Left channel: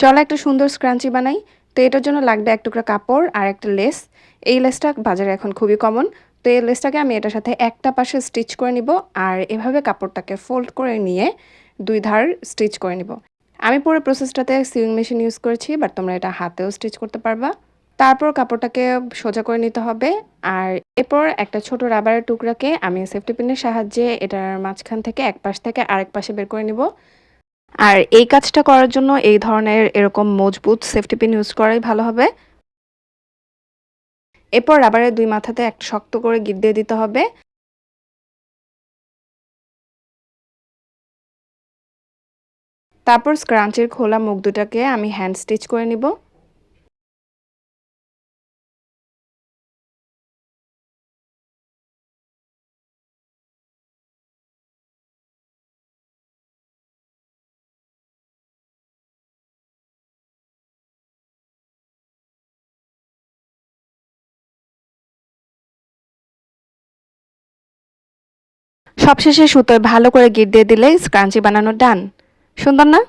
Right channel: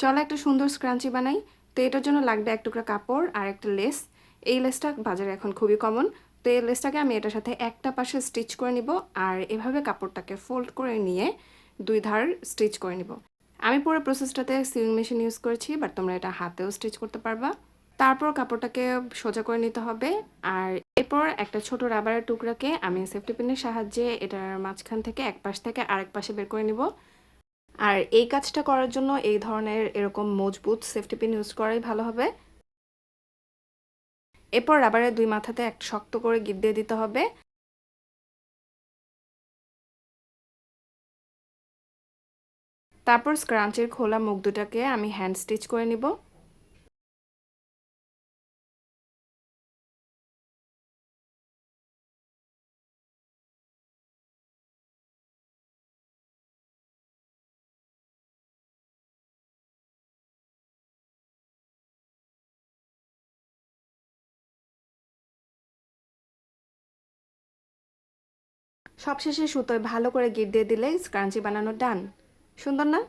চলো একটা সুন্দর স্ক্রাঞ্চি বানাই। তো এটার জন্য লাগবে এক টুকরা কাপড় আর একটা লেস। এই লেসটা বাজারে এখন খুবই কমন। তো এই লেসটাকে আমি এটার সাথে একটা পাশে স্টিচ করে নিব, আর এভাবে কাপড়টাকে ফোল্ড করে নিয়ে দুই ধার স্টিচ করে নিব। আমি পুরো প্রসেসটাতে সিউইং মেশিন ইউজ করেছি, বাট তোমরা এটা হাতেও স্টিচ করতে পারবা। তারপর কাপড়টাকে সোজা করে নিতে হবে, আর এরপর একটা ছোট রাবারের টুকরাকে আমি সেফটি পিনের সাহায্যে এটার মাঝখান থেকে এক পাশ থেকে আরেক পাশে বের করে নিব। আর এই কাজটা করার জন্য এই ধরনের এরকম মজবুত সেফটি পিন ইউজ করাই ভালো হবে। এরপর রাবারের দুই মাথাতে একটা শক্ত করে গিঁট দিয়ে দিতে হবে। তারপর স্ক্রাঞ্চের খোলা মুখ দুটাকে আমি হ্যান্ড স্টিচ করে নিব। সবশেষে সুতোয় ভালো করে গিঁট দিয়ে দিলেই স্ক্রাঞ্চি বানানো ডান। সুন্দর না?